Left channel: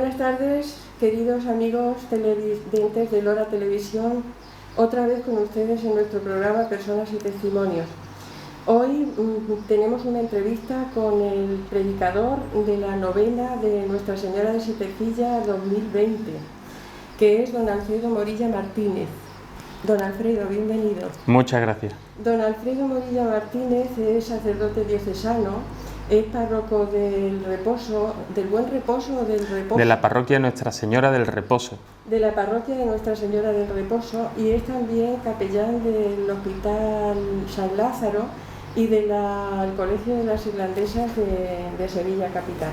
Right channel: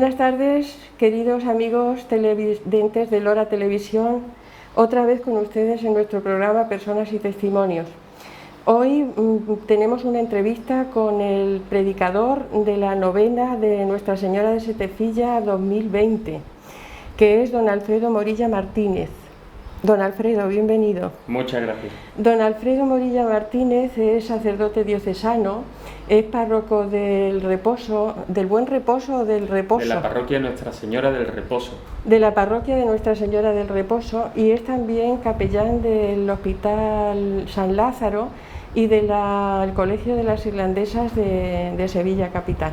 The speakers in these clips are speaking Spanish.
Buenas tardes, queridos amigos televidentes de Lora Televisión, otra vez con ustedes en nuestro programa Personas y Testimonios. Hoy tenemos una entrevista con el predicador de la novena de Nuestra Señora de Setefilla 2020, que es don Alfredo Morilla Martínez. Don Alfredo, bienvenido. Muchas gracias. Don Alfredo Morilla Martínez es sacerdote diocesano, es párroco del Reposo, del Buen Reposo o del Reposo. De la parroquia Nuestra Señora del Reposo. De la parroquia de Nuestra Señora del Reposo, y es también capellán del Hospital San Lázaro y del Colegio de las Irlandesas de Sevilla Capital.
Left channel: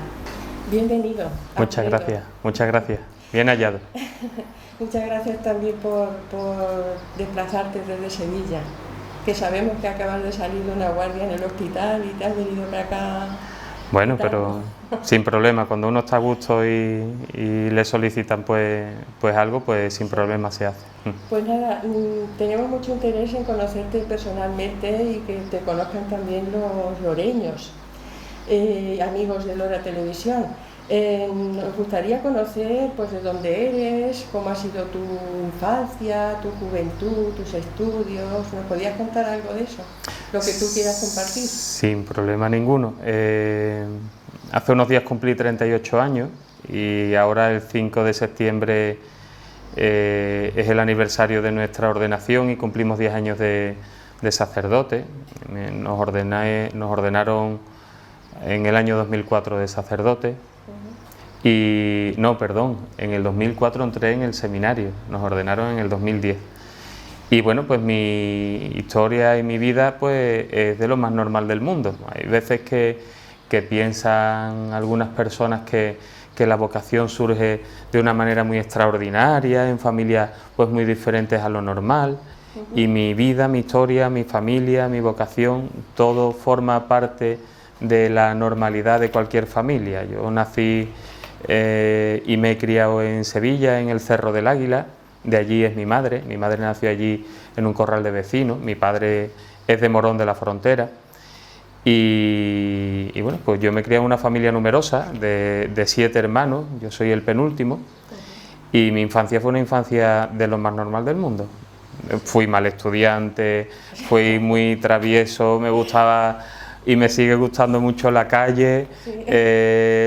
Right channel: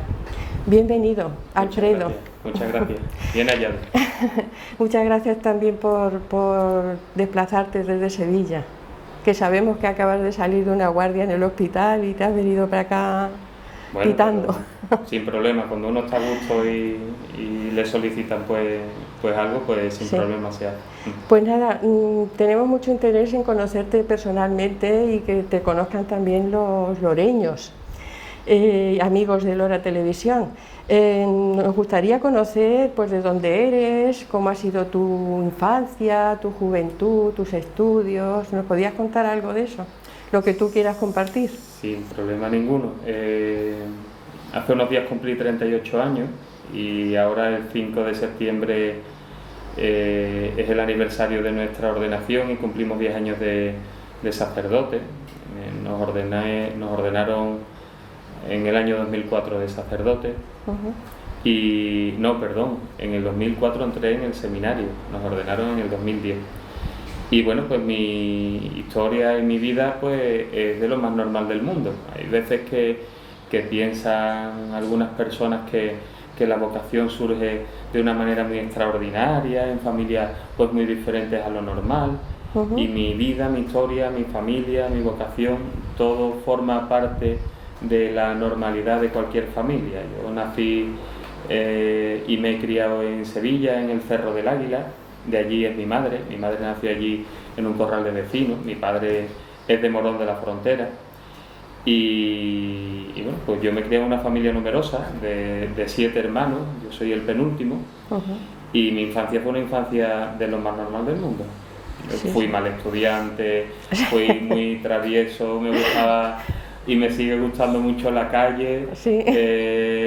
Bienvenido, Alfredo. Muchas gracias. Bien hallado. Muchas gracias también por desplazarte desde Sevilla, que sabemos que acabas de salir de una guardia en el hospital y te has venido para acá. Bueno, quitando. pero sin problema, cuando uno está a gusto y le solicitan pues algo, pues sin problema se hace. Pues nada, tenemos mucho interés en conocerte personalmente y que te conozcan también los loreños, amigos de Lora Televisión. Nos gustaría conocer pues de dónde eres, cómo ha sido tu infancia, tu juventud, tus estudios. ¿Nos podías contar algo de eso? Lo que tú quieras compartir. Sin problema ninguno. Hace unos días cumplí 38 años y ahora el 5 de septiembre es el aniversario de nuestra ordenación y cumplimos 10 años de sacerdote. Nos ordenaron en el año 2004 de sacerdote. Y en el 2004 entré en el seminario, nos ordenaron en el 2010. Y bueno, pues mi historia y mi vida pues es de lo más normal del mundo. Hay veces que piensan algunas personas que la vocación surge de una manera muy extraordinaria, en familias pues muy diferentes a lo normal. Y mi vida, mi historia, mi familia, mi vocación, todo forma parte de la normalidad de cualquier familia. Yo nací y me he criado en Sevilla, en el Cerro del Águila. De allí es mi madre nació allí en un corral de vecinos. Mi padre es de Morón de la Frontera. Y bueno, pues yo me crié en una familia numerosa de 7 hermanos, yo soy el penúltimo. Y mi infancia fue una infancia de lo más normal del mundo. Fui mal estudiante, fui muy travieso, me gustaba y me sigue gustando mucho la calle,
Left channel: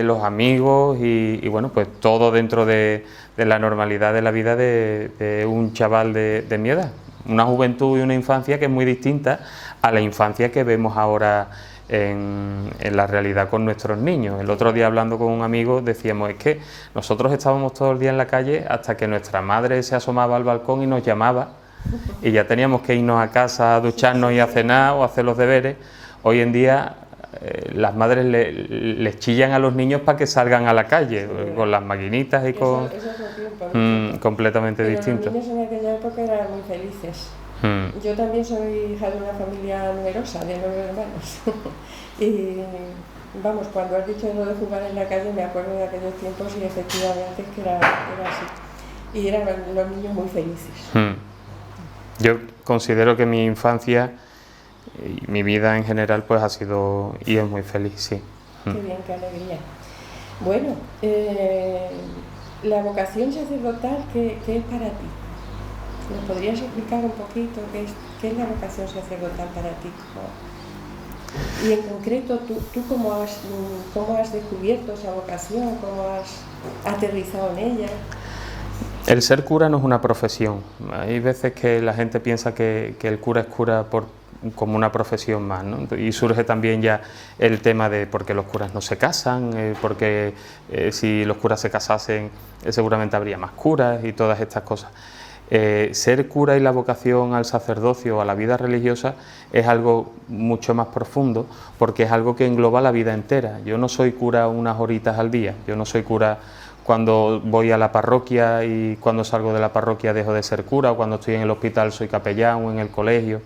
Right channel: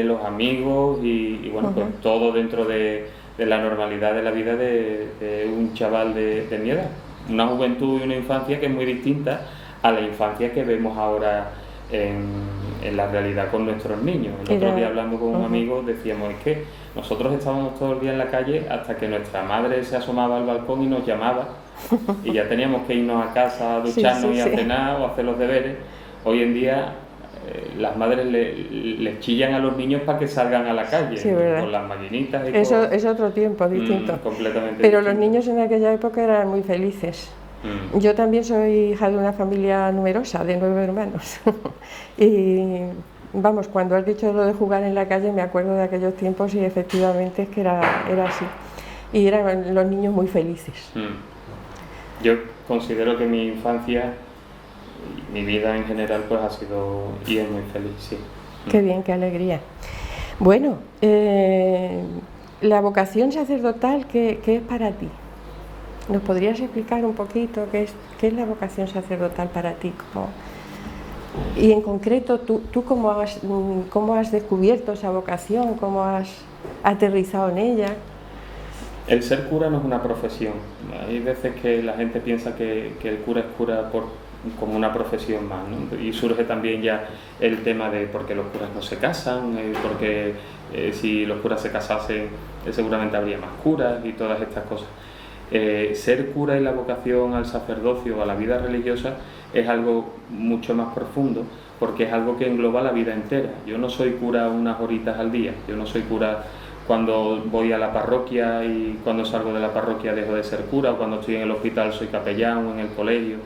los amigos y bueno, pues todo dentro de la normalidad de la vida de un chaval de mi edad. Una juventud y una infancia que es muy distinta a la infancia que vemos ahora en la realidad con nuestros niños. El otro día, hablando con un amigo, decíamos, es que nosotros estábamos todo el día en la calle hasta que nuestra madre se asomaba al balcón y nos llamaba y ya teníamos que irnos a casa a ducharnos y a cenar o a hacer los deberes. Hoy en día las madres les chillan a los niños para que salgan a la calle, con las maquinitas y eso es otro tiempo distinto. Completamente Pero distinto. Los niños en aquella época eran muy felices. Yo también soy hija de una familia numerosa, de 9 hermanos. Y vamos, cuando has dicho lo de jugar en la calle, me acuerdo de aquellos tiempos y efectivamente es que era así. Y eran los niños muy felices. Yo considero que mi infancia y mi vida en general pues ha sido y es muy feliz, sí. Qué bien, qué alegría. Bueno, la vocación sacerdotal, ¿qué es para ti? ¿Nos podrías explicar un poquito qué es la vocación sacerdotal para ti? Y en concreto, ¿tú cómo has descubierto esa vocación? ¿Cómo has aterrizado en ella? El ser cura no es una profesión. Hay veces que la gente piensa que el cura es cura como una profesión más, ¿no? Y surge también ya el tema de por qué los curas no se casan, porque si los curas se casasen seguramente habría más curas y todas estas cosas. Ser cura y la vocación al sacerdocio o a la vida religiosa es algo mucho más profundo porque es algo que engloba la vida entera. Yo no soy cura unas horitas al día, yo no soy cura cuando voy a la parroquia y cuando salgo de la parroquia dejo de ser cura, o cuando estoy en el hospital soy capellán o en el colegio,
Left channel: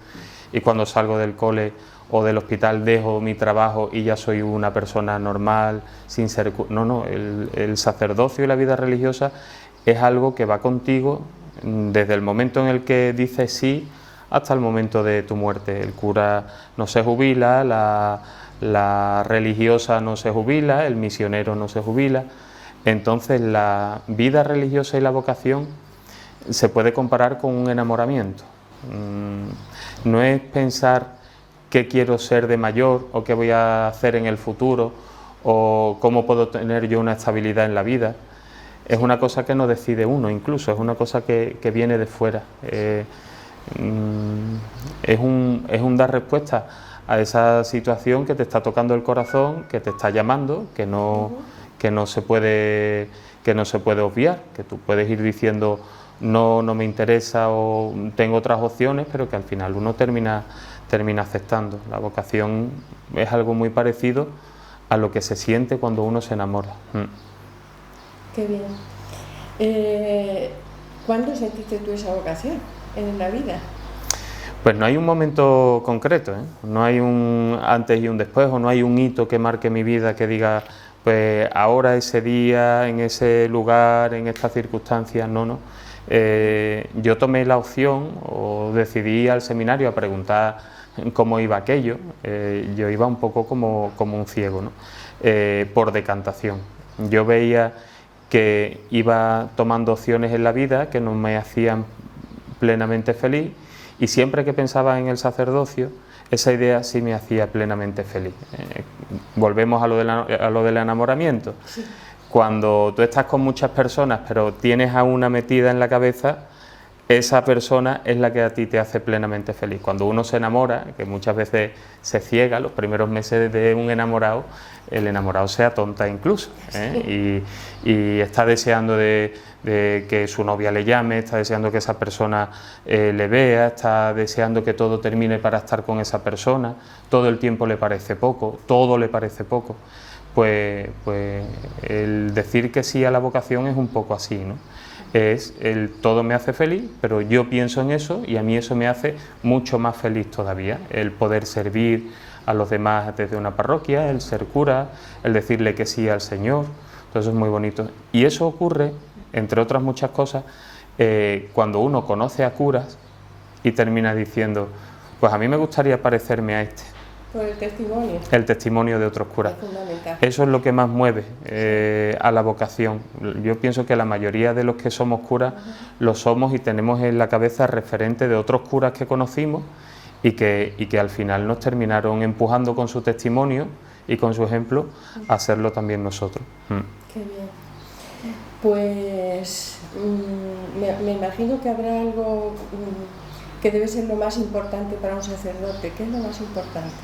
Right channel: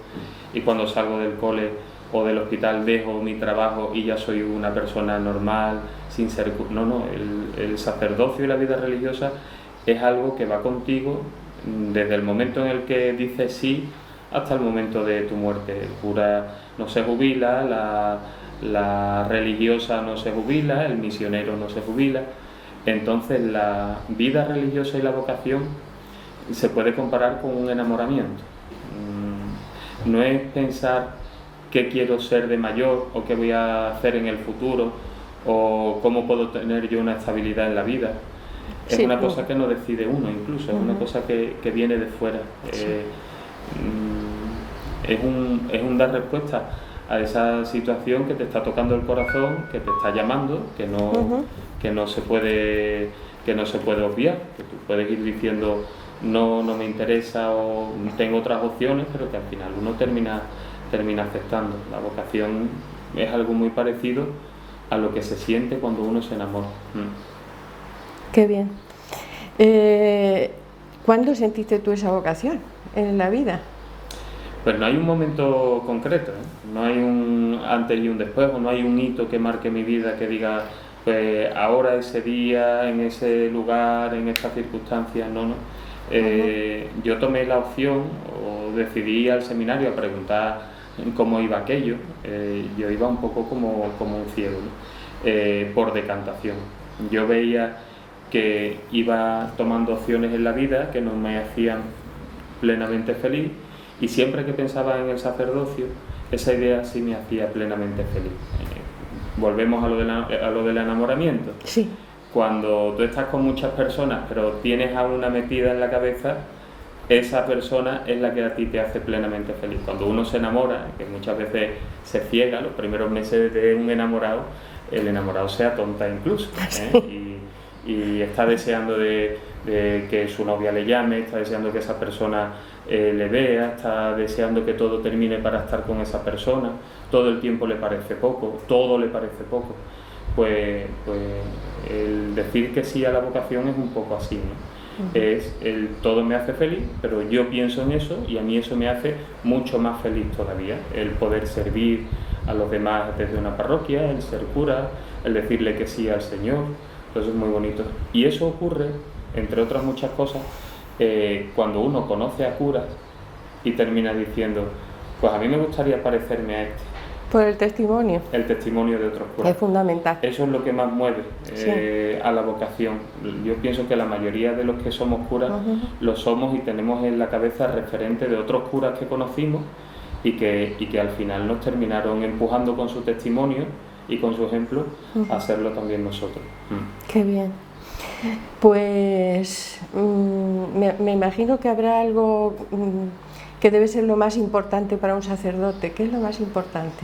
y cuando salgo del cole o del hospital dejo mi trabajo y ya soy una persona normal sin ser cura. No, el sacerdocio y la vida religiosa es algo que va contigo desde el momento en el que dices sí hasta el momento de tu muerte. El cura no se jubila, la religiosa no se jubila, el misionero no se jubila. Entonces la vida religiosa y la vocación se puede comparar con un enamoramiento. No es pensar qué quiero ser de mayor o qué voy a hacer en el futuro o cómo puedo tener yo una estabilidad en la vida. Es una cosa que no decide uno, incluso, es una cosa que viene de fuera. Es un dar respuesta a esa situación que te está tocando el corazón, que te está llamando, que no se puede obviar, que tú puedes ir diciendo no me interesa o tengo otras opciones, pero que al final uno termina aceptando. La vocación es algo muy parecido a lo que se siente cuando uno se enamora. Qué bien. ¿Cuándo sentiste tú esa vocación en la vida? Pues no hay un momento concreto, ¿eh? No hay un antes y un después, o no hay un hito que marque mi vida que diga, pues ahora, ese día, en ese lugar, en estas circunstancias, no. Yo tomé la opción o decidí ir al seminario a preguntar cómo iba aquello. Yo iba un poco como un ciego, ¿no? Por decantación. Yo veía que iba tomando opciones en la vida que no me hacían plenamente feliz, y siempre que pensaba en el sacerdocio, esa idea sí me hacía plenamente feliz. Volvemos a lo del enamoramiento. Sí. Cuando tú estás con muchas personas pero tienes a una metida en la cabeza, esa persona es la que a ti te hace plenamente feliz. Cuando uno se enamora, que muchas veces se ciega, los primeros meses de un enamorado, el enamorado se atonta incluso, ¿eh? Y está deseando de que su novia le llame, está deseando que esa persona le vea, está deseando que todo termine para estar con esa persona, todo el tiempo le parece poco, todo le parece poco. Pues el decir que sí a la vocación es un poco así, ¿no? Es el todo me hace feliz, pero yo pienso en eso y a mí eso me hace mucho más feliz todavía. El poder servir a los demás desde una parroquia, el ser cura, el decirle que sí al Señor, todo eso es muy bonito. Y eso ocurre, entre otras muchas cosas, cuando uno conoce a curas y termina diciendo, pues a mí me gustaría parecerme a este. Por el testimonio. El testimonio de otros curas. Es fundamental. Eso es lo que más mueve a la vocación. Yo pienso que la mayoría de los que somos curas lo somos y tenemos en la cabeza referente de otros curas que conocimos y que al final nos terminaron empujando con su testimonio y con su ejemplo a hacerlo también nosotros. Qué bien. Pues me imagino que habrá algo que debe ser lo más importante para un sacerdote. ¿Qué es lo más importante?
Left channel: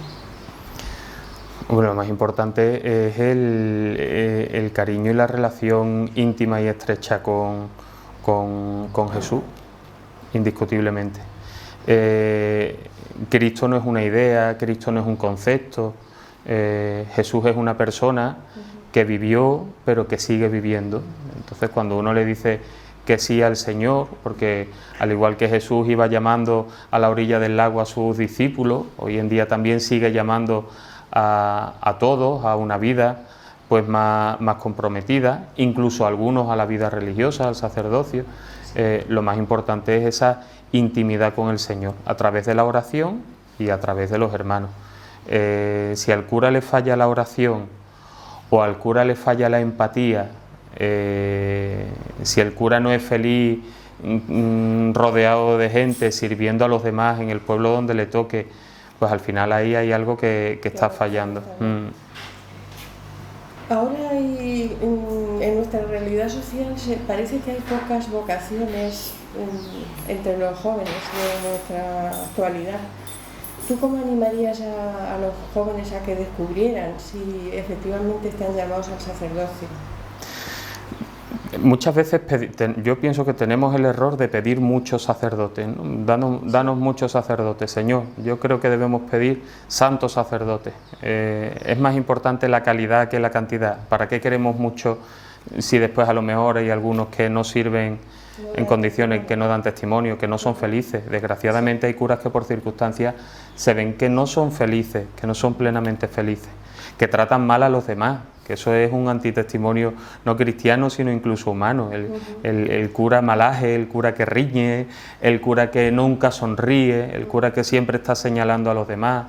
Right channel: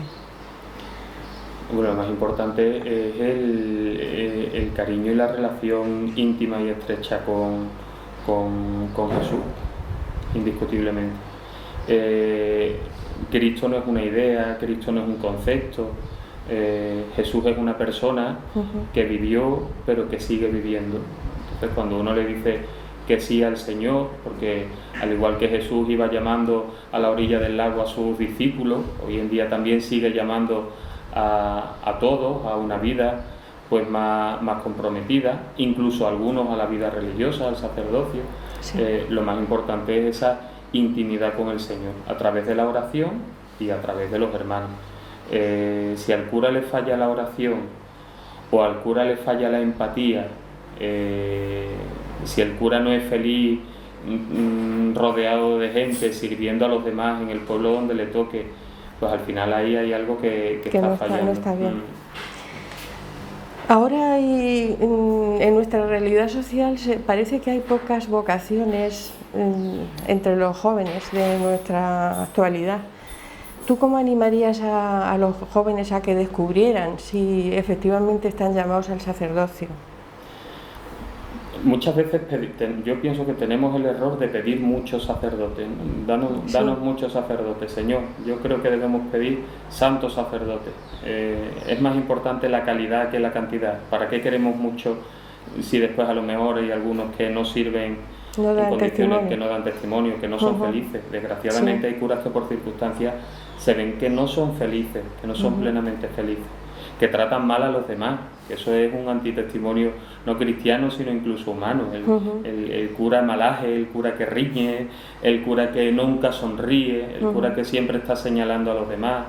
Bueno, lo más importante es el cariño y la relación íntima y estrecha con Jesús, indiscutiblemente. Cristo no es una idea, Cristo no es un concepto, Jesús es una persona que vivió pero que sigue viviendo. Entonces cuando uno le dice que sí al Señor, porque al igual que Jesús iba llamando a la orilla del lago a sus discípulos, hoy en día también sigue llamando a todos a una vida pues más comprometida, incluso algunos a la vida religiosa, al sacerdocio. Sí. Lo más importante es esa intimidad con el Señor, a través de la oración y a través de los hermanos. Si al cura le falla la oración o al cura le falla la empatía, si el cura no es feliz rodeado de gente, sirviendo a los demás en el pueblo donde le toque, pues al final ahí hay algo que está fallando. Está Ahora en nuestra realidad social parece que hay pocas vocaciones entre los jóvenes de nuestra actualidad. ¿Tú cómo animarías a los jóvenes a que descubrieran si efectivamente están llamados al sacerdocio? Muchas veces yo pienso que tenemos el error de pedir muchos sacerdotes, ¿no? Danos muchos sacerdotes, Señor. Yo creo que debemos pedir santos sacerdotes. Es más importante la calidad que la cantidad. ¿Para qué queremos mucho si después a lo mejor hay algunos que no sirven en condiciones, que no dan testimonio, que no son felices? Desgraciadamente hay curas que por circunstancias se ven que no son felices, que no son plenamente felices, que tratan mal a los demás, que eso es un antitestimonio no cristiano sino incluso humano. El cura malaje, el cura que riñe, el cura que nunca sonríe, el cura que siempre está señalando a los demás,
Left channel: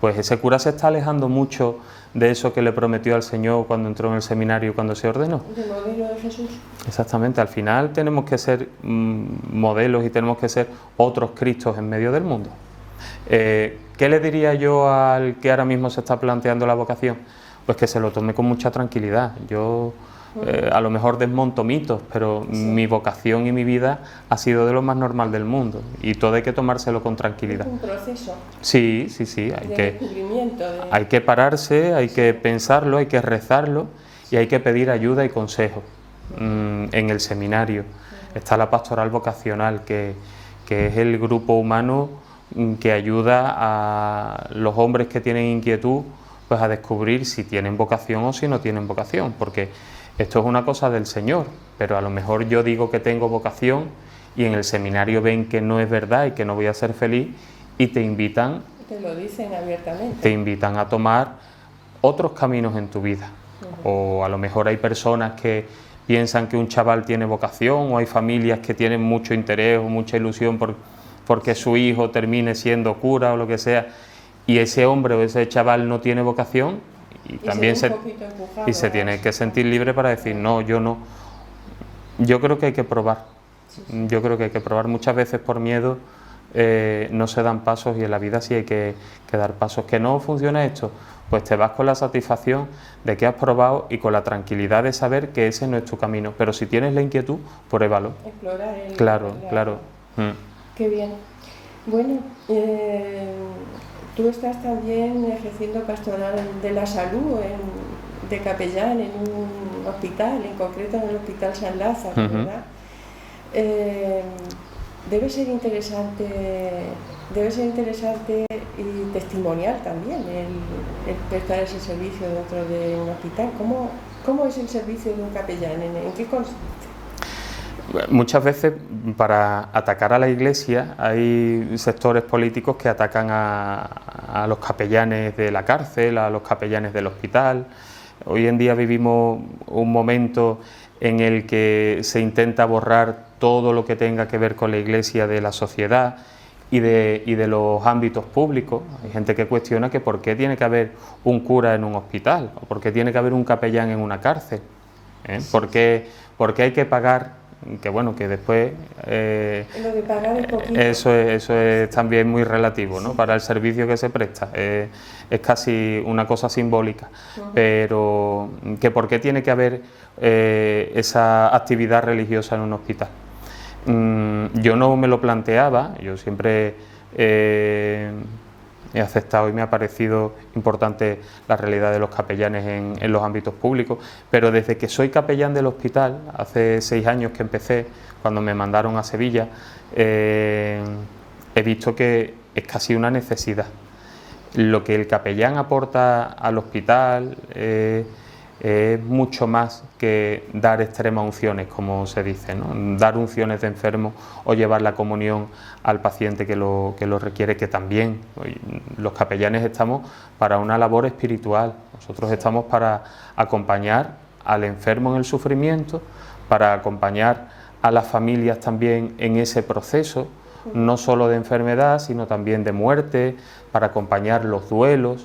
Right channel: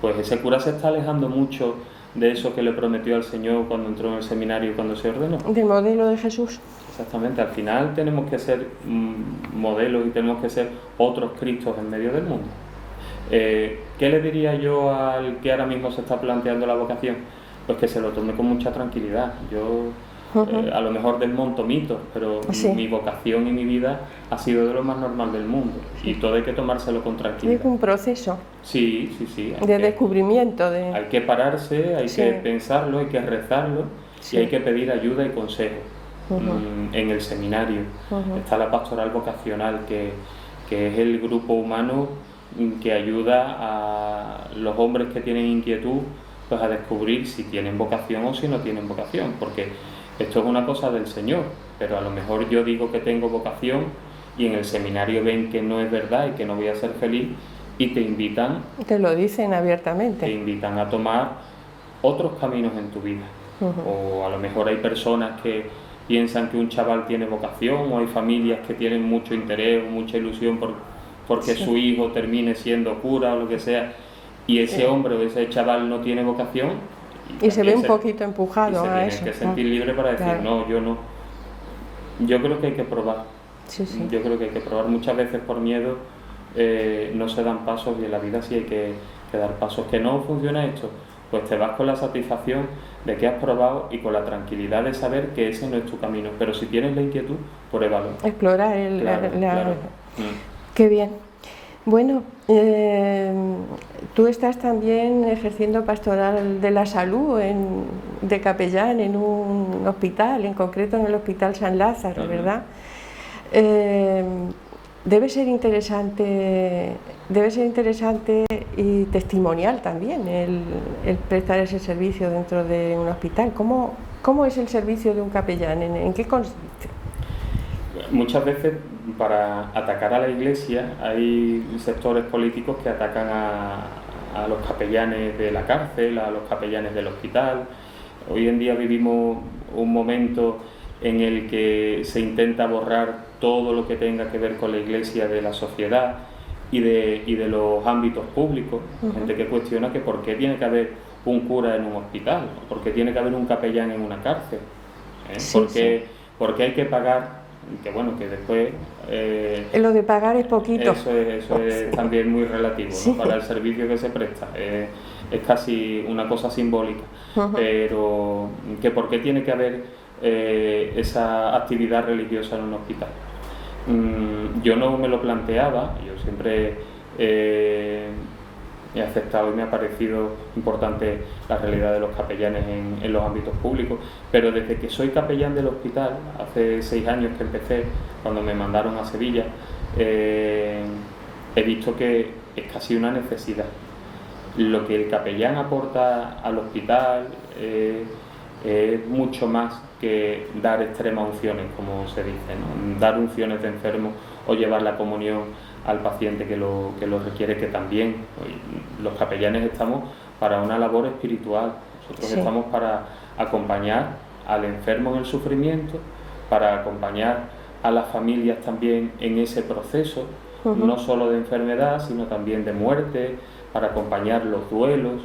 pues ese cura se está alejando mucho de eso que le prometió al Señor cuando entró en el seminario, cuando se ordenó. Del modelo de Jesús. Exactamente, al final tenemos que ser modelos y tenemos que ser otros Cristos en medio del mundo. ¿Qué le diría yo al que ahora mismo se está planteando la vocación? Pues que se lo tome con mucha tranquilidad. Yo a lo mejor desmonto mitos, pero sí, mi vocación y mi vida ha sido de lo más normal del mundo y todo hay que tomárselo con tranquilidad. Es un proceso. Sí. De descubrimiento. Hay que pararse, hay que pensarlo, hay que rezarlo y hay que pedir ayuda y consejo. En el seminario está la pastoral vocacional, que es el grupo humano que ayuda a los hombres que tienen inquietud pues a descubrir si tienen vocación o si no tienen vocación, porque esto es una cosa del Señor, pero a lo mejor yo digo que tengo vocación y en el seminario ven que no es verdad y que no voy a ser feliz y te invitan, te lo dicen abiertamente, te invitan a tomar otros caminos en tu vida. O a lo mejor hay personas que piensan que un chaval tiene vocación, o hay familias que tienen mucho interés o mucha ilusión porque su hijo termine siendo cura o lo que sea, y ese hombre o ese chaval no tiene vocación y también se ve un poquito empujado y se tiene que sentir libre para decir no, yo no. Yo creo que hay que probar. Yo creo que hay que probar. Muchas veces por miedo no se dan pasos, y en la vida sí hay que dar pasos. ¿Que no funciona esto? Pues te vas con la satisfacción de que has probado y con la tranquilidad de saber que ese no es tu camino. Pero si tienes la inquietud, pruébalo. Explora el... Claro. Qué bien. Bueno, tú estás también ejerciendo pastoral de la salud de capellán en un hospital, en concreto en el Hospital San Lázaro, ¿verdad? Debe ser interesante y testimonial también el prestar ese servicio dentro de un hospital. ¿Cómo es el servicio de un capellán? ¿En qué consiste? Muchas veces para atacar a la Iglesia hay sectores políticos que atacan a los capellanes de la cárcel, a los capellanes del hospital. Hoy en día vivimos un momento en el que se intenta borrar todo lo que tenga que ver con la Iglesia de la sociedad y de los ámbitos públicos. Hay gente que cuestiona que por qué tiene que haber un cura en un hospital, o por qué tiene que haber un capellán en una cárcel, ¿Por qué hay que pagar? Que bueno, que después... lo de pagar es poquito. Eso es también muy relativo, ¿no? Para el servicio que se presta. Es casi una cosa simbólica. Pero que por qué tiene que haber esa actividad religiosa en un hospital. Yo no me lo planteaba, yo siempre he aceptado y me ha parecido importante la realidad de los capellanes en los ámbitos públicos, pero desde que soy capellán del hospital, hace 6 años que empecé, cuando me mandaron a Sevilla, he visto que es casi una necesidad. Lo que el capellán aporta al hospital es mucho más que dar extremas unciones, como se dice, ¿no? Dar unciones de enfermo o llevar la comunión al paciente que lo requiere, que también los capellanes estamos para una labor espiritual. Nosotros estamos para acompañar al enfermo en el sufrimiento, para acompañar a las familias también en ese proceso, no solo de enfermedad, sino también de muerte, para acompañar los duelos.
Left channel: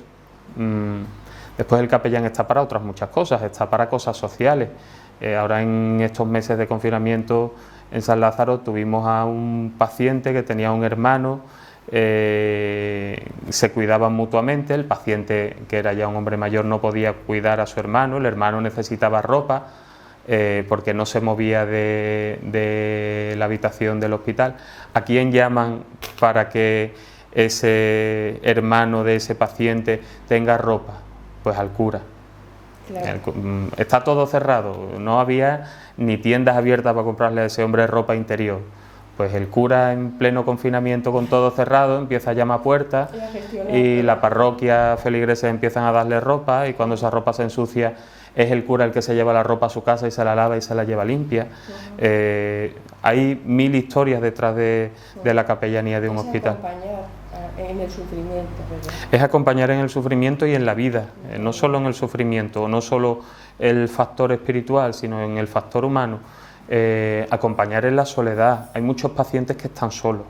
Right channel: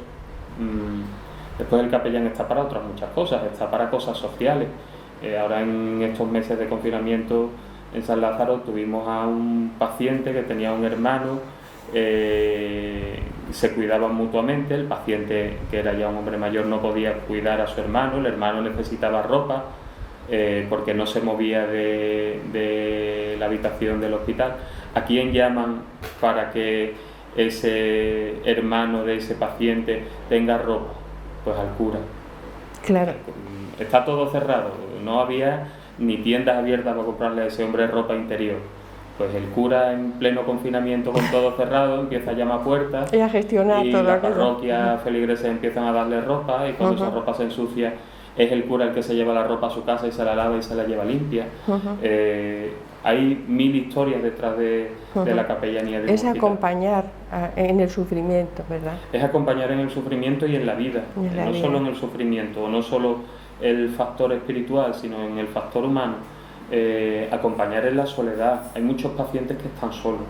Después el capellán está para otras muchas cosas, está para cosas sociales. Ahora en estos meses de confinamiento en San Lázaro tuvimos a un paciente que tenía un hermano, se cuidaban mutuamente, el paciente, que era ya un hombre mayor, no podía cuidar a su hermano, el hermano necesitaba ropa porque no se movía de la habitación del hospital. ¿A quién llaman para que ese hermano de ese paciente tenga ropa? Pues al cura. Claro. Está todo cerrado, no había ni tiendas abiertas para comprarle a ese hombre ropa interior. Pues el cura, en pleno confinamiento con todo cerrado, empieza a llamar a puertas y la parroquia, feligreses empiezan a darle ropa, y cuando esa ropa se ensucia es el cura el que se lleva la ropa a su casa y se la lava y se la lleva limpia. Hay 1000 historias detrás de la capellanía de un hospital. Es acompañar en el sufrimiento, ¿verdad? Es acompañar en el sufrimiento y en la vida, solo en el sufrimiento, no solo el factor espiritual, sino en el factor humano. acompañar en la soledad. Hay muchos pacientes que están solos.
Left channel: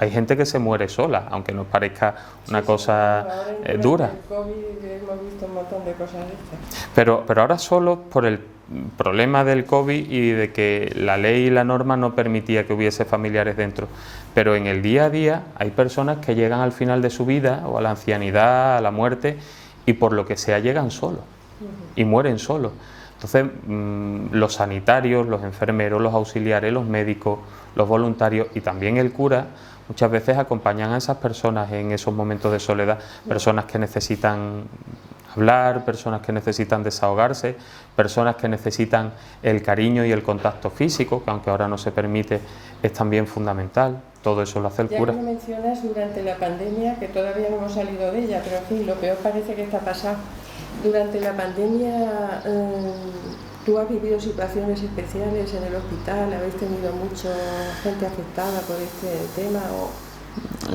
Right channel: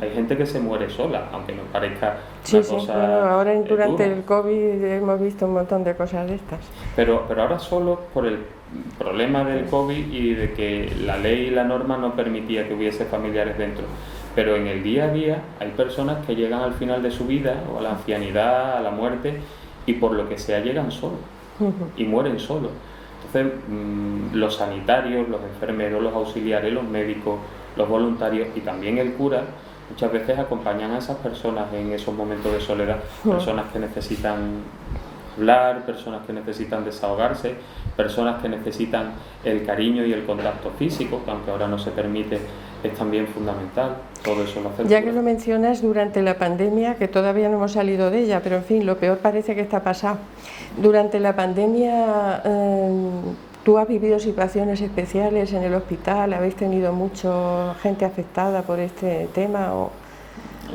Hay gente que se muere sola, aunque nos parezca una cosa bueno, ahora durante dura. el COVID hemos visto un montón de cosas de estas. Pero ahora solo por el problema del COVID y de que la ley y la norma no permitía que hubiese familiares dentro. Pero en el día a día hay personas que llegan al final de su vida o a la ancianidad, a la muerte, y por lo que sea llegan solos y mueren solos. Entonces, los sanitarios, los enfermeros, los auxiliares, los médicos, los voluntarios y también el cura muchas veces acompañan a esas personas en esos momentos de soledad, personas que necesitan hablar, personas que necesitan desahogarse, personas que necesitan el cariño y el contacto físico, que aunque ahora no se permite, es también fundamental. Todo eso lo hace el ya cura. que lo mencionas, durante la pandemia, que todavía no hemos salido de ella, pero en fin, lo peor parece que está pasado. Durante la pandemia, ¿tú has vivido situaciones especiales en el hospital? ¿Habéis tenido mucha gente afectada por este tema?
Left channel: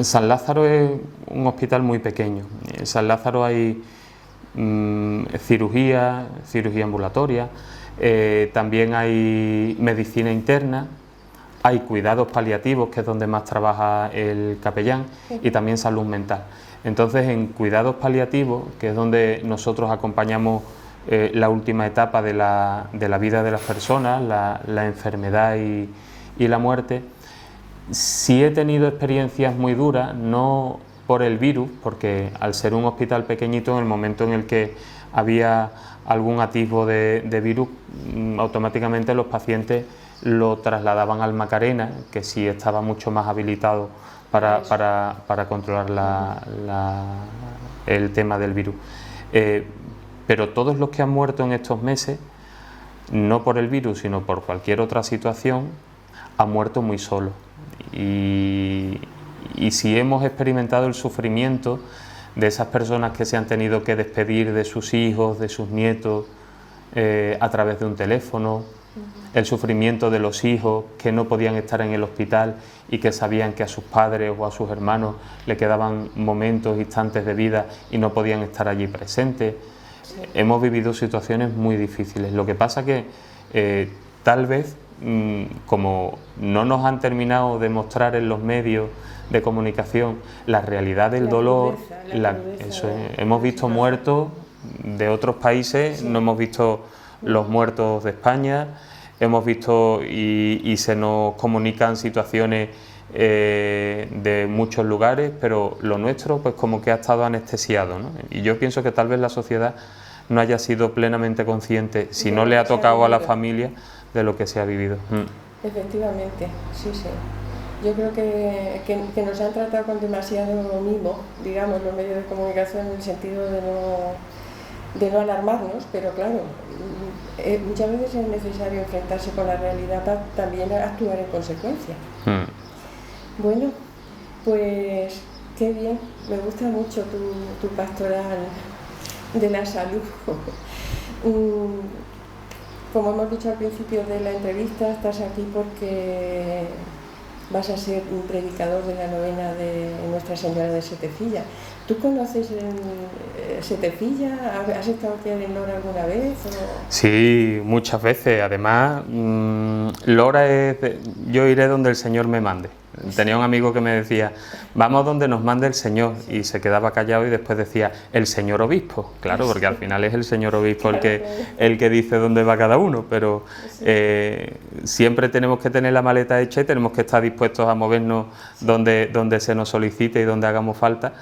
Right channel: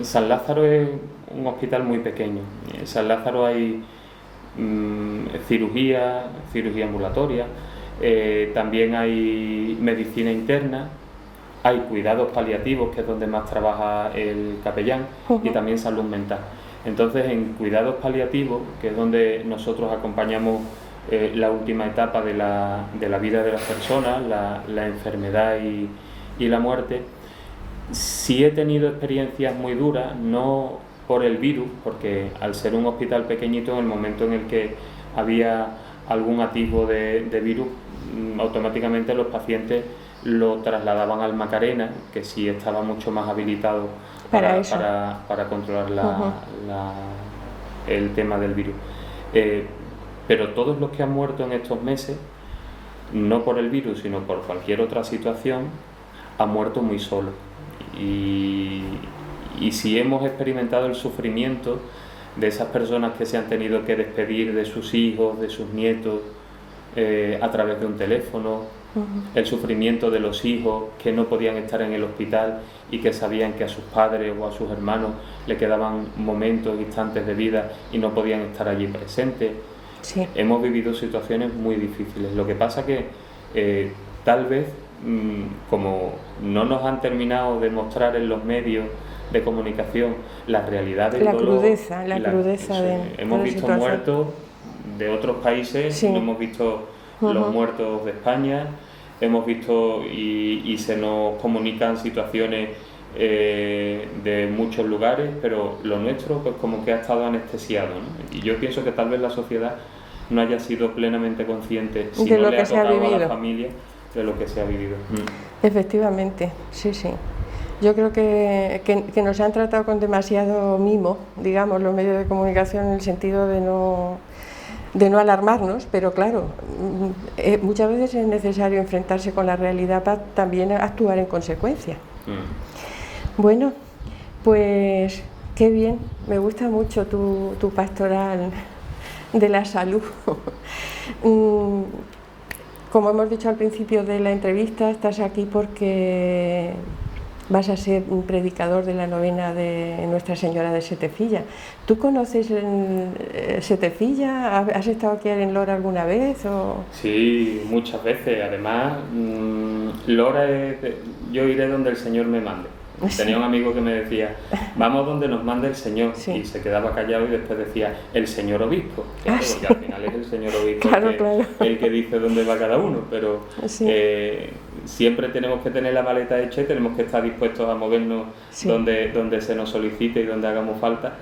San Lázaro es un hospital muy pequeño. En San Lázaro hay cirugía ambulatoria, también hay medicina interna, hay cuidados paliativos, que es donde más trabaja el capellán, y también salud mental. Entonces, en cuidados paliativos, que es donde nosotros acompañamos la última etapa de la vida de las personas, la enfermedad y la muerte, sí he tenido experiencias muy duras, no por el virus, porque al ser un hospital pequeñito, en el momento en el que había algún atisbo de virus, automáticamente los pacientes lo trasladaban al Macarena, que sí estaba mucho más habilitado para controlar el tema del virus. Pero todos los que han muerto en estos meses, no por el virus, sino por cualquier otra situación, han muerto muy solos. Y si hemos experimentado el sufrimiento de esas personas que se han tenido que despedir de sus hijos, de sus nietos, a través de un teléfono, el sufrimiento de los hijos que no podían estar en el hospital y que sabían que a sus padres o a sus hermanos le quedaban momentos, instantes de vida y no podían estar allí presentes. Sí. Hemos vivido situaciones muy difíciles. Lo que pasa que tal vez, como no nos han terminado de mostrar en los medios de comunicación la realidad del dolor, la crudeza hemos visto muertos de otros países, no hemos visto los muertos de España, hemos visto y se nos comunican situaciones de muchos lugares, pero lo nuestro pues como que ha estado anestesiado, ¿no? Y yo pienso que tal vez la sociedad no haya sido plenamente consciente, si no le ha tocado a la familia, de lo que se ha vivido. Efectivamente, sí. Yo creo que nos han tratado con demasiado mimo, digamos, los medios de comunicación, en el sentido de no alarmarnos, pero claro, muchas veces es necesario enfrentarse con la realidad para también actuar en consecuencia. Bueno, pues qué bien, me gusta mucho tu pastoral de la salud. Como hemos dicho al principio de la entrevista, estás aquí porque vas a ser un predicador de la novena de Nuestra Señora de Setefilla. ¿Tú conoces Setefilla? ¿Has estado aquí en Lora alguna vez? Sí, muchas veces. Además, Lora yo iré donde el Señor me mande. Tenía un amigo que me decía, vamos donde nos mande el Señor, y se quedaba callado y después decía, el señor obispo, claro, porque al final es el señor obispo el que dice dónde va cada uno, pero siempre tenemos que tener la maleta hecha y tenemos que estar dispuestos a movernos donde se nos solicite y donde hagamos falta,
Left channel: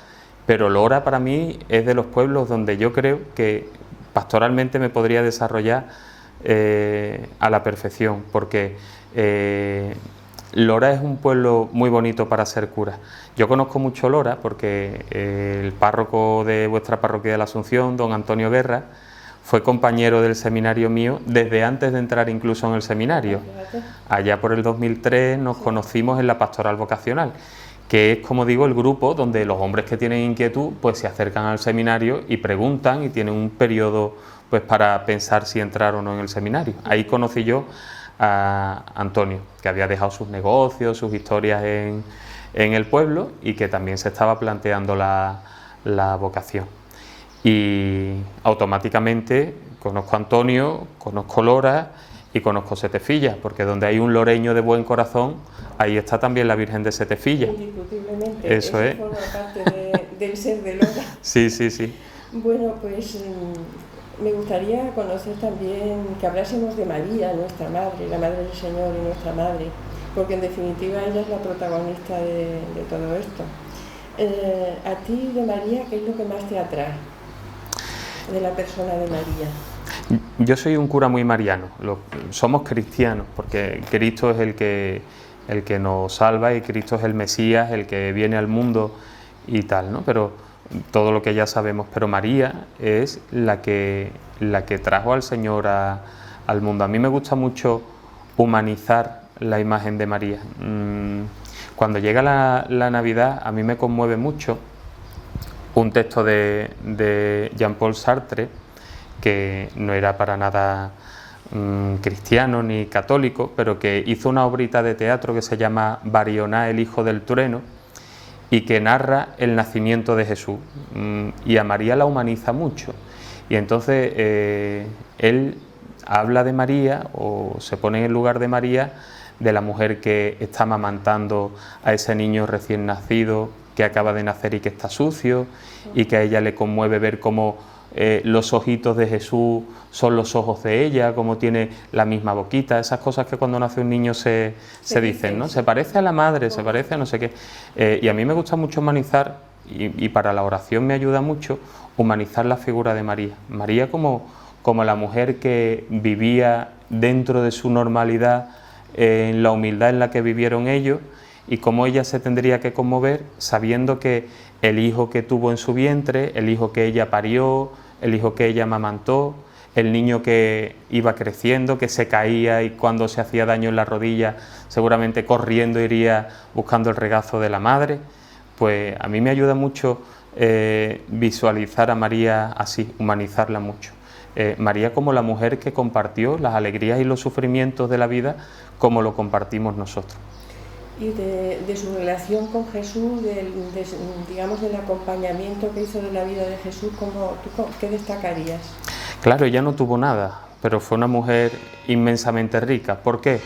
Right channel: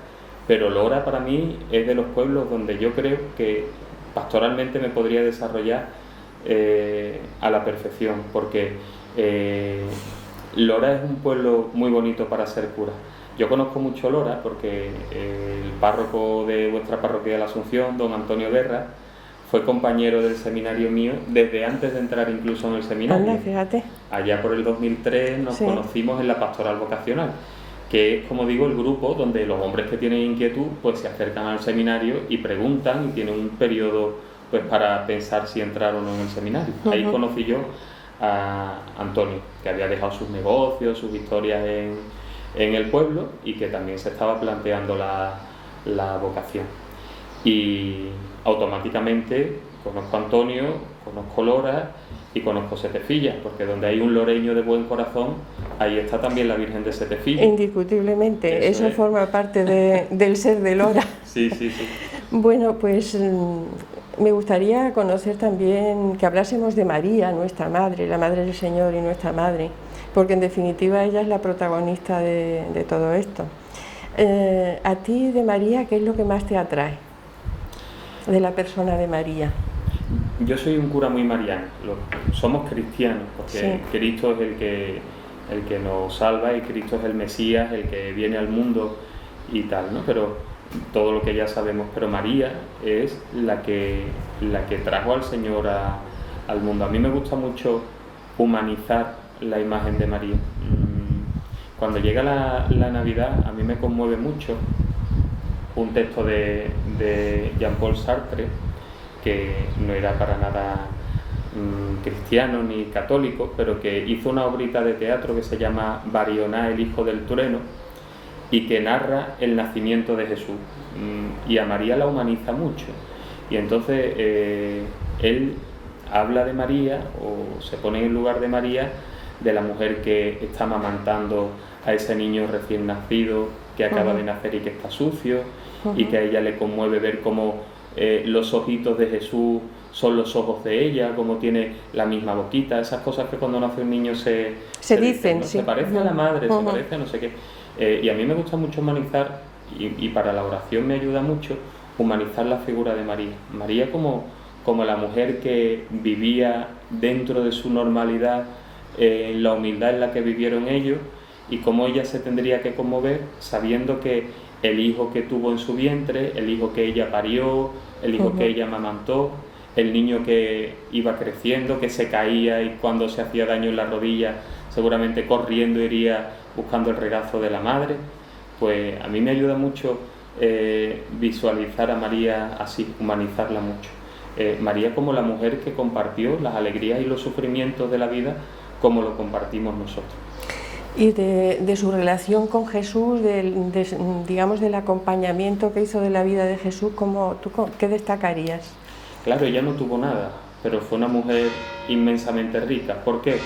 pero Lora para mí es de los pueblos donde yo creo que pastoralmente me podría desarrollar a la perfección, porque Lora es un pueblo muy bonito para ser cura. Yo conozco mucho Lora porque el párroco de vuestra parroquia de la Asunción, don Antonio Guerra, fue compañero del seminario mío desde antes de entrar incluso en el seminario. Fíjate. Allá por el 2003 nos conocimos en la pastoral vocacional, que es, como digo, el grupo donde los hombres que tienen inquietud pues se acercan al seminario y preguntan, y tienen un periodo pues para pensar si entrar o no en el seminario. Ahí conocí yo a Antonio, que había dejado sus negocios, sus historias en el pueblo, y que también se estaba planteando la vocación. Y automáticamente conozco a Antonio, conozco Lora, y conozco Setefilla, porque donde hay un loreño de buen corazón, ahí está también la Virgen de Setefilla. Indiscutiblemente, eso forma parte del ser de Lora. Sí, sí, sí. Bueno, pues me gustaría conocer también, que hablásemos de María, nuestra Madre, la Madre del Señor y nuestra Madre, porque en definitiva ella es la protagonista de todo esto. A ti de María, ¿qué es lo que más te atrae de la persona de María? Yo soy un cura muy mariano, somos cristianos, porque sí. Cristo es el que nos salva y Cristo es el Mesías, el que viene al mundo y tal, ¿no? Pero todo lo que ya sabemos, pero María es la que trajo al Señor al mundo. A mí me gusta mucho humanizar la imagen de María. Cuando llega la Navidad, a mí me conmueve mucho un texto de Jean-Paul Sartre, que no era para nada cristiano ni católico, pero que hizo una obrita de teatro que se llama Barioná, el hijo del trueno, y que narra el nacimiento de Jesús, y a María la humaniza mucho, y entonces él habla de María, o se pone en el lugar de María, de la mujer que está amamantando a ese niño recién nacido, que acaba de nacer y que está sucio, y que a ella le conmueve ver cómo los ojitos de Jesús son los ojos de ella, como tiene la misma boquita, esas cosas que cuando nace un niño se dicen, ¿no? Sí. Se parece a la madre, se parece a no sé qué. Y a mí me gusta mucho humanizar, y para la oración me ayuda mucho, humanizar la figura de María. María como la mujer que vivía dentro de su normalidad, en la humildad en la que vivieron ellos, y cómo ella se tendría que conmover sabiendo que el hijo que tuvo en su vientre, el hijo que ella parió, el hijo que ella amamantó, el niño que iba creciendo, que se caía y cuando se hacía daño en la rodilla seguramente corriendo iría buscando el regazo de la madre. Pues a mí me ayuda mucho visualizar a María así, humanizarla mucho. María como la mujer que compartió las alegrías y los sufrimientos de la vida como lo compartimos nosotros. Y de su relación con Jesús, digamos del acompañamiento que hizo de la vida de Jesús, ¿qué destacarías? Claro, ella no tuvo nada, pero fue una mujer inmensamente rica. ¿Por qué?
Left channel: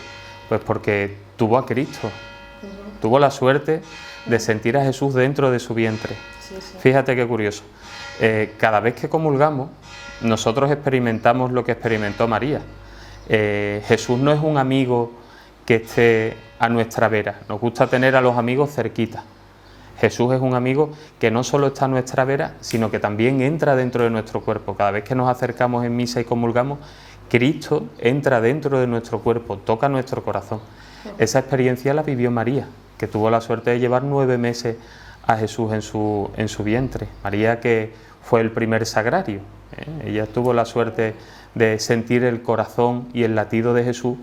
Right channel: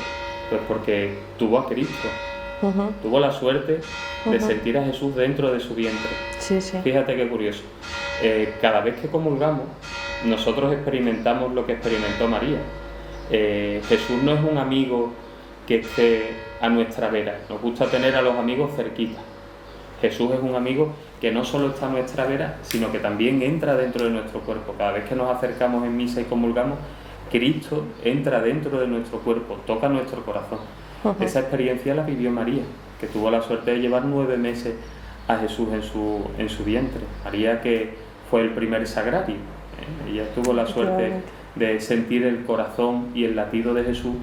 Pues porque tuvo a Cristo, tuvo la suerte de sentir a Jesús dentro de su vientre. Sí, sí. Fíjate qué curioso. Cada vez que comulgamos, nosotros experimentamos lo que experimentó María. Jesús no es un amigo que esté a nuestra vera, nos gusta tener a los amigos cerquita. Jesús es un amigo que no solo está a nuestra vera, sino que también entra dentro de nuestro cuerpo. Cada vez que nos acercamos en misa y comulgamos, Cristo entra dentro de nuestro cuerpo, toca nuestro corazón. Esa experiencia la vivió María, que tuvo la suerte de llevar 9 meses a Jesús en su vientre. María, que fue el primer sagrario, ella tuvo la suerte de sentir el corazón y el latido de Jesús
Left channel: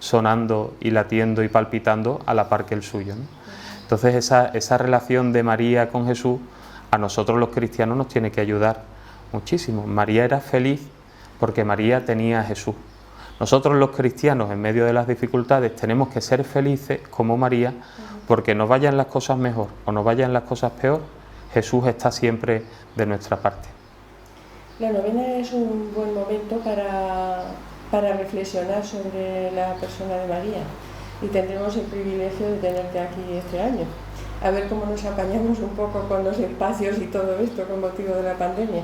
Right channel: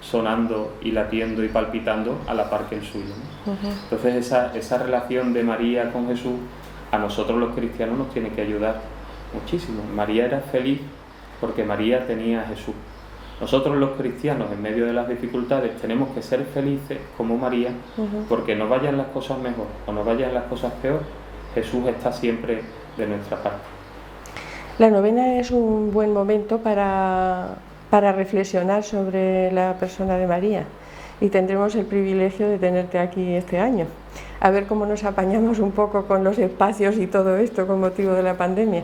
sonando y latiendo y palpitando a la par que el suyo, ¿no? Entonces esa relación de María con Jesús a nosotros los cristianos nos tiene que ayudar muchísimo. María era feliz porque María tenía a Jesús. Nosotros los cristianos en medio de las dificultades tenemos que ser felices como María, porque nos vayan las cosas mejor o nos vayan las cosas peor, Jesús está siempre de nuestra parte. La novena es un buen momento para reflexionar sobre la persona de María, y tendremos el privilegio de tenerte aquí este año. A ver cómo nos apañamos un poco con los espacios y todo esto con motivo de la pandemia.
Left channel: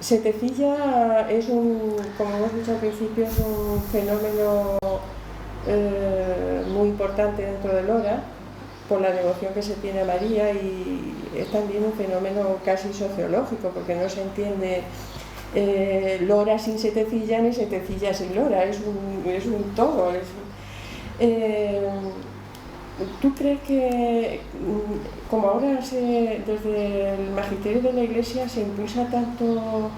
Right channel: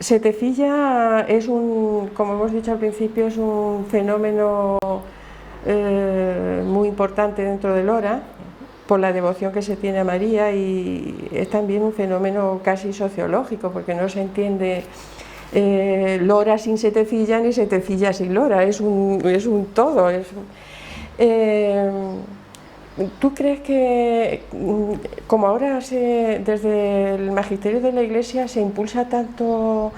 Setefilla es como hemos dicho al principio, es un fenómeno muy importante dentro de Lora, por la devoción que se tiene a María, y es también un fenómeno casi sociológico, porque no se entiende Lora sin Setefilla ni Setefilla sin Lora, es un todo. ¿Tú crees que, como ahora desde el magisterio de la Iglesia se impulsa tanto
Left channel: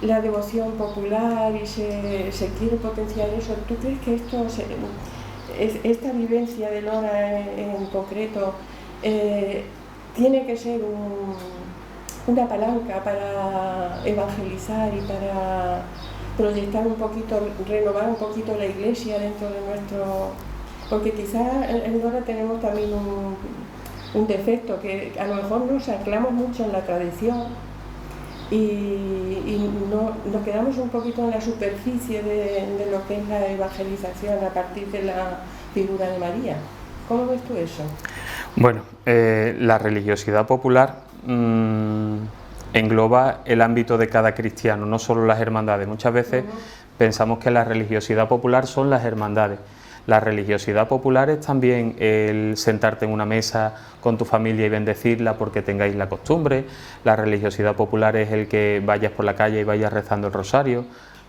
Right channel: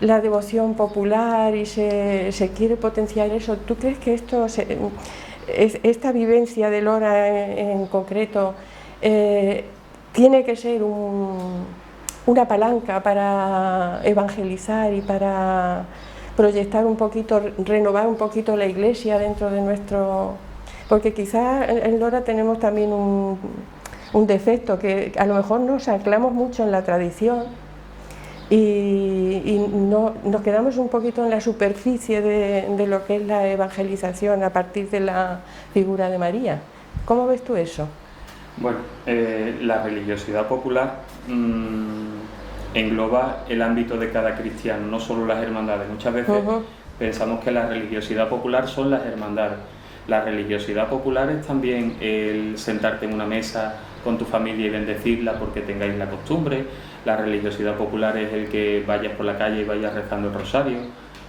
la devoción popular y se quiere potenciar eso, ¿tú crees que esta vivencia de Lora en concreto tiene que ser una palanca para evangelizar y para proyectar un poquito, renovar un poquito la Iglesia dentro de nuestro...? Porque quizá en Lora tenemos también un defecto, que a lo mejor nos anclamos mucho en la tradición, Nos quedamos un poquito en la superficie de lo que es la evangelización a partir de la figura de María. ¿Cómo ves tú eso? Bueno, la religiosidad popular engloba el ámbito de cada cristiano, no solo las hermandades. Muchas veces pensamos que la religiosidad popular son las hermandades. La religiosidad popular es también el sentarte en una mesa con tu familia y bendecirla porque tengáis la costumbre. La religiosidad popular es el que vayas por la calle y vayas rezando el rosario.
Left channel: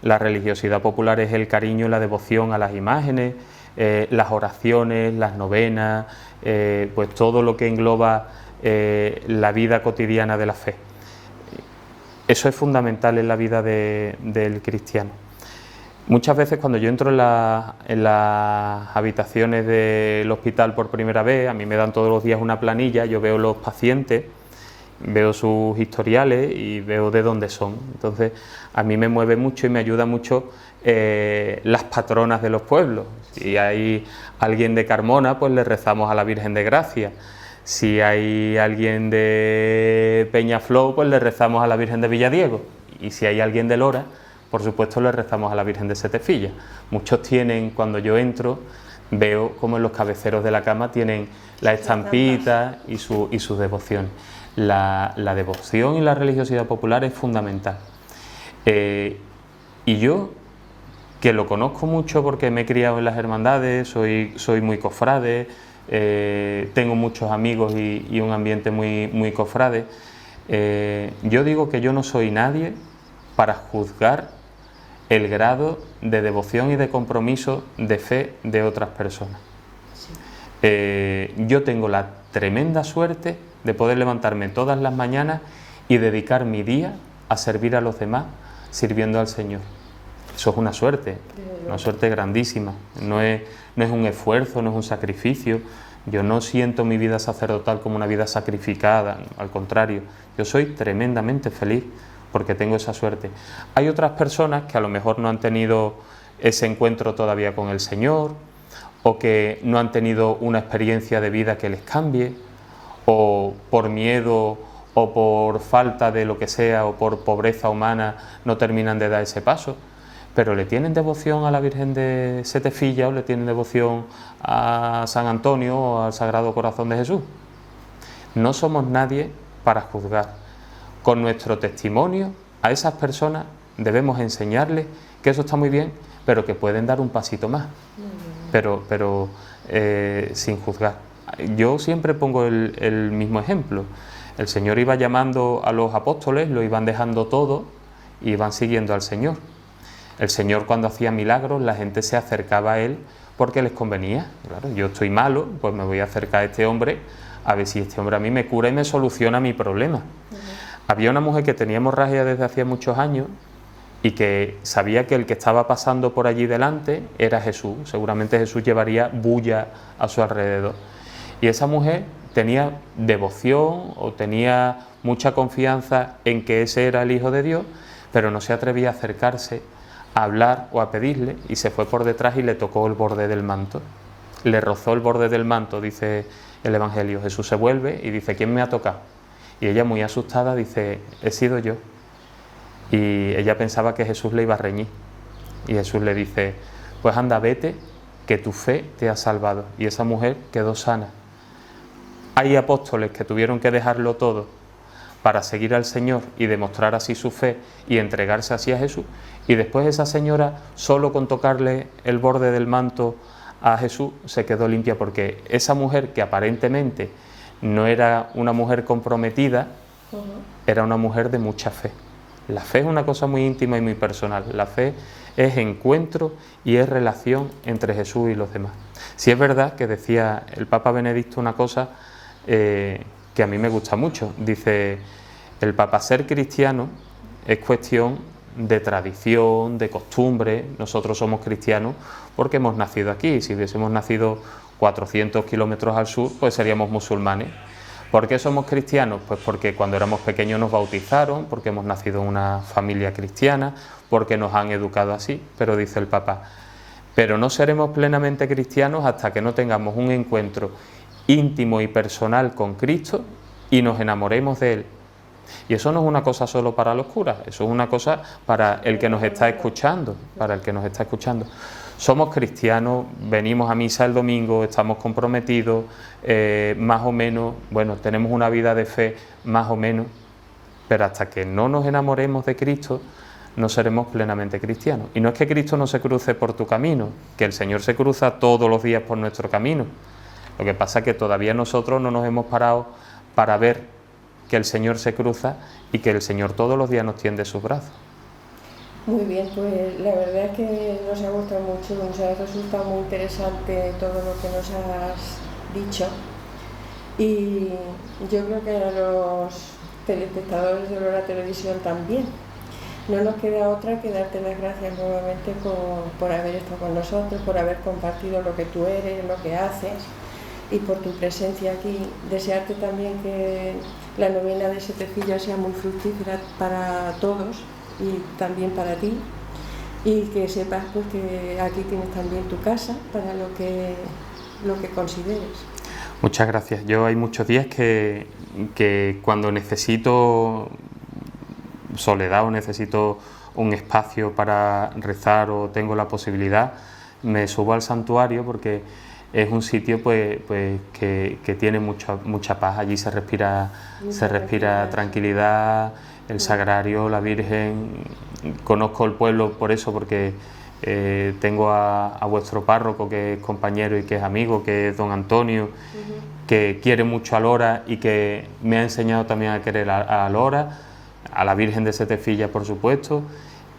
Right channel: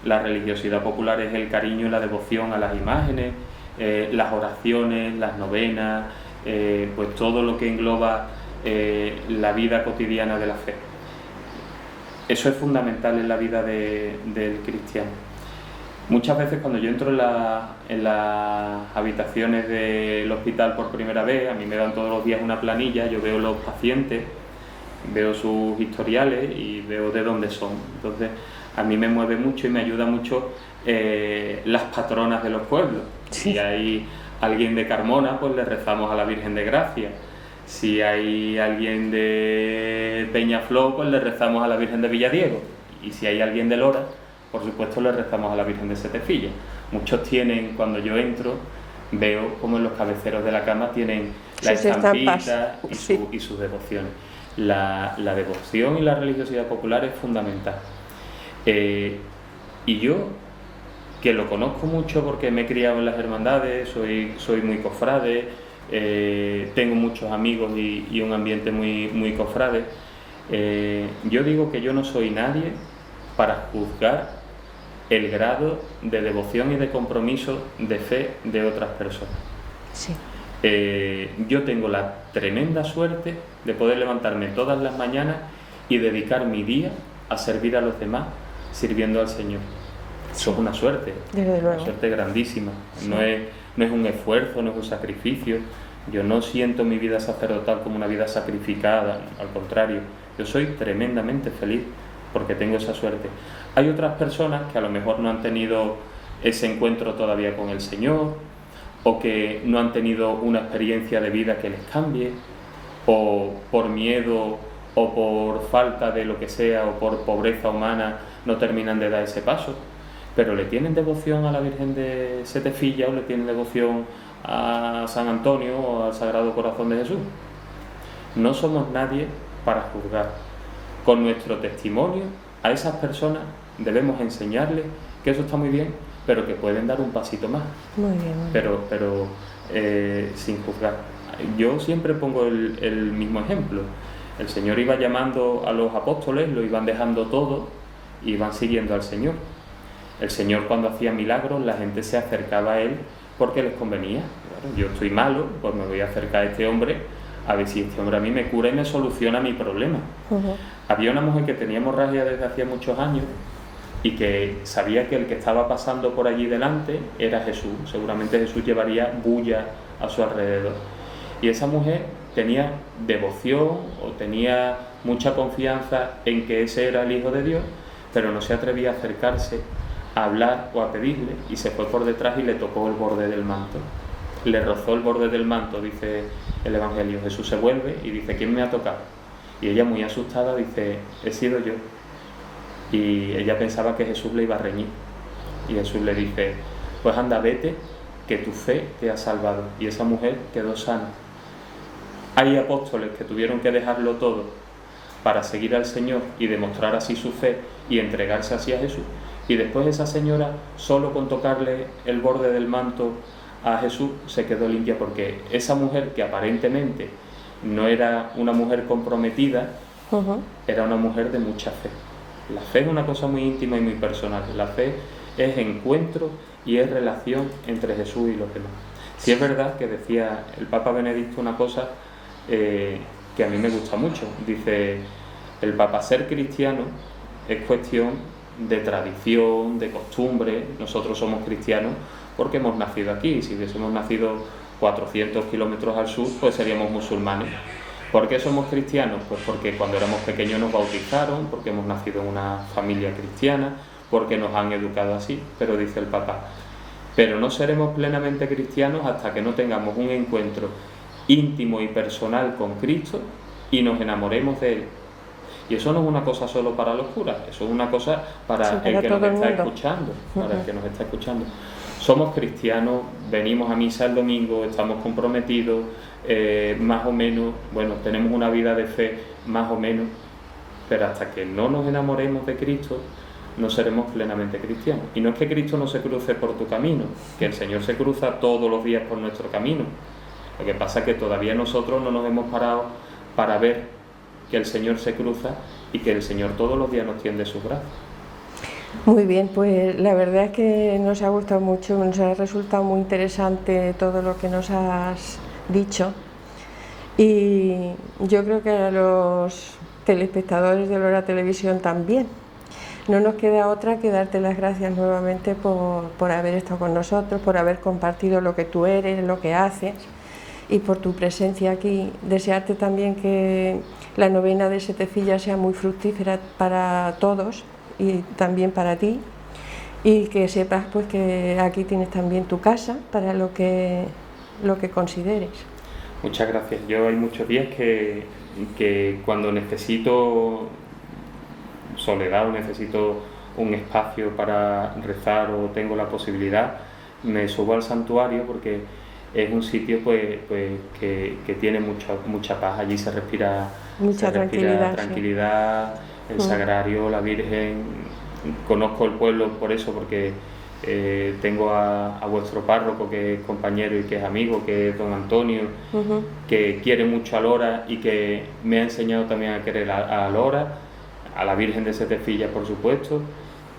La religiosidad popular es el cariño y la devoción a las imágenes, las oraciones, las novenas, pues todo lo que engloba la vida cotidiana de la fe. Eso es fundamental en la vida del cristiano. Muchas veces cuando yo entro en las habitaciones del hospital por primera vez, a mí me dan todos los días una planilla, yo veo los pacientes, veo sus historiales y veo de dónde son. Entonces a mí me mueve mucho y me ayuda mucho las patronas de los pueblos. Sí. Si hay alguien de Carmona, pues le rezamos a la Virgen de Gracia. Si hay alguien de Peñaflor, pues le rezamos a la Virgen de Villadiego. Y si hay alguien de Lora, por supuesto le rezamos a la Virgen de Setefilla. Muchos tienen, cuando yo entro, veo como en los cabeceros de la cama tienen la estampita y sus devociones. La devoción y la religiosidad popular es fundamental. Y yo, que lo conozco mucho porque me he criado en las hermandades, soy muy cofrade, tengo muchos amigos y un ambiente muy cofrade, yo digo que yo no soy nadie para juzgar el grado de devoción y de compromiso de fe de otras personas. Sí. Yo tengo la tremenda suerte de poder levantarme todas las mañanas y dedicar mi día a servir a los demás, sirviendo al Señor. Eso es una suerte grandísima. Sí. No es un esfuerzo, no es un sacrificio. Yo no siento mi vida sacerdotal como una vida sacrificada, al contrario, yo soy tremendamente feliz porque tengo esa suerte. Hay otras personas que a lo mejor no han tenido ese encuentro todavía con el Señor, o que no han tenido una experiencia de vida que les cambie, o por miedo o por falta de lo que sea, o por pobreza humana, no terminan de dar ese paso, pero le tienen devoción a la Virgen de Setefilla o le tienen devoción a San Antonio o al Sagrado Corazón de Jesús. No somos nadie para juzgar. Con nuestro testimonio a esas personas debemos enseñarles que eso está muy bien, pero que pueden dar un pasito más. Muy bien. Pero sin juzgar. Yo siempre pongo el mismo ejemplo. El Señor iba llamando a los apóstoles, lo iban dejando todo y iban siguiendo al Señor. El Señor, cuando hacía milagros, la gente se acercaba a Él porque les convenía. Claro, yo estoy malo, pues me voy a acercar a este hombre a ver si este hombre a mí me cura y me soluciona mi problema. Había una mujer que tenía hemorragia desde hacía muchos años y que sabía que el que estaba pasando por allí delante era Jesús. Seguramente Jesús llevaría bulla a su alrededor. Y esa mujer tenía devoción o tenía mucha confianza en que ese era el Hijo de Dios, pero no se atrevía a acercarse a hablar o a pedirle, y se fue por detrás y le tocó el borde del manto. Le rozó el borde del manto, dice el Evangelio. Jesús se vuelve y dice: ¿quién me ha tocado? Y ella, muy asustada, dice: he sido yo. Y ella pensaba que Jesús le iba a reñir. Y Jesús le dice: pues anda, vete, que tu fe te ha salvado. Y esa mujer quedó sana. Hay apóstoles que tuvieron que dejarlo todo para seguir al Señor y demostrar así su fe y entregarse así a Jesús. Y después esa señora, solo con tocarle el borde del manto a Jesús, se quedó limpia, porque esa mujer, que aparentemente no era una mujer comprometida, era una mujer de mucha fe. La fe es una cosa muy íntima y muy personal. La fe es encuentro y es relación entre Jesús y los demás. Sí, es verdad que decía el Papa Benedicto una cosa que a mí me gusta mucho. Dice el Papa: ser cristiano es cuestión de tradición, de costumbre. Nosotros somos cristianos porque hemos nacido aquí. Si hubiésemos nacido 400 kilómetros al sur, pues seríamos musulmanes. ¿Por qué somos cristianos? Pues porque cuando éramos pequeños nos bautizaron, porque hemos nacido en una familia cristiana, porque nos han educado así. Pero dice el Papa: pero no seremos plenamente cristianos hasta que no tengamos un encuentro íntimo y personal con Cristo y nos enamoremos de Él Y eso no es una cosa solo para los curas, eso es una cosa para el que nos está escuchando, para el que nos está escuchando. Somos cristianos, venimos a misa el domingo, estamos comprometidos, más o menos, bueno, tenemos una vida de fe más o menos, pero hasta que no nos enamoremos de Cristo, no seremos plenamente cristianos. Y no es que Cristo no se cruce por tu camino, que el Señor se cruza todos los días por nuestro camino. Lo que pasa es que todavía nosotros no nos hemos parado para ver que el Señor se cruza y que el Señor todos los días nos tiende sus brazos. Muy bien, pues la verdad es que nos ha gustado mucho, nos ha resultado muy interesante todo lo que nos has dicho, y yo creo que a los telespectadores de Lora Televisión también. No nos queda otra que darte las gracias nuevamente por haber estado con nosotros, por haber compartido lo que tú eres, lo que haces, y por tu presencia aquí. Desearte también que la novena de Setefilla sea muy fructífera para todos y también para ti, y que sepas pues que aquí tienes también tu casa para lo que consideres. Muchas gracias. Yo hay muchos días que cuando necesito soledad o necesito un espacio para rezar o tengo la posibilidad, me subo al santuario porque es un sitio pues que tiene mucha paz. Allí se respira tranquilidad, sí. El sagrario, la Virgen. Conozco el pueblo por eso, porque tengo a vuestro párroco, que es compañero y que es amigo, que es don Antonio, que quiere mucho a Lora y que me ha enseñado también a querer a Lora, a la Virgen de Setefilla, por supuesto.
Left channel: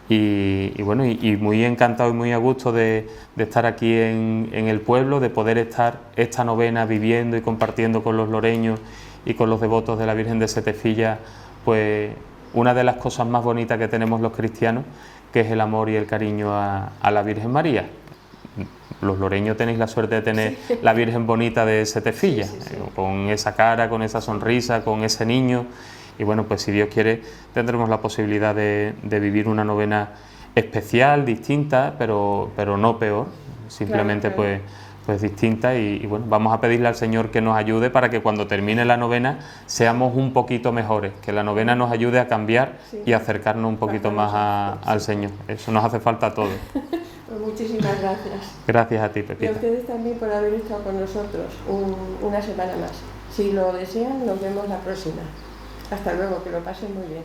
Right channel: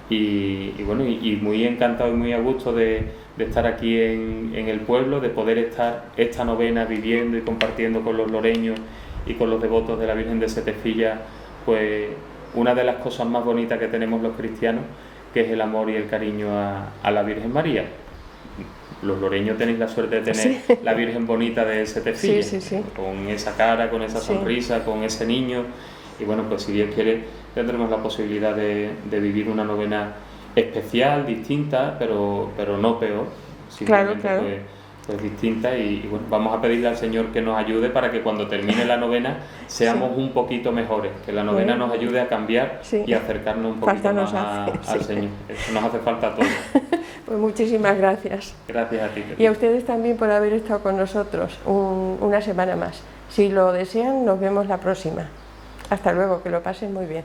Y bueno, y muy encantado y muy a gusto de estar aquí en el pueblo, de poder estar esta novena viviendo y compartiendo con los loreños y con los devotos de la Virgen de Setefilla, pues una de las cosas más bonitas que tenemos los cristianos, que es el amor y el cariño a la Virgen María. Los loreños tenéis la suerte de tener la Virgen bonita de Setefilla, con esa cara, con esa sonrisa, con ese niño. Y bueno, pues si Dios quiere tendremos la posibilidad de vivir una novena especial, distinta, pero no peor, simplemente claro. Pues distinta, y bueno, vamos a pedirle al Señor que nos ayude para que cuando termine la novena seamos un poquito mejores, que la novena nos ayude a cambiar y acercarnos un poquito más al Señor. Eso nos hace falta a todos. Pues muchísimas gracias. Gracias a ti, Pepita. Y a ustedes también por haber estado con nosotros una semana más. Si lo desean, nos vemos la próxima. Hasta luego, que lo pasen muy bien.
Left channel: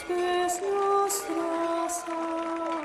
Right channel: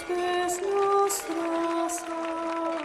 paces nostras.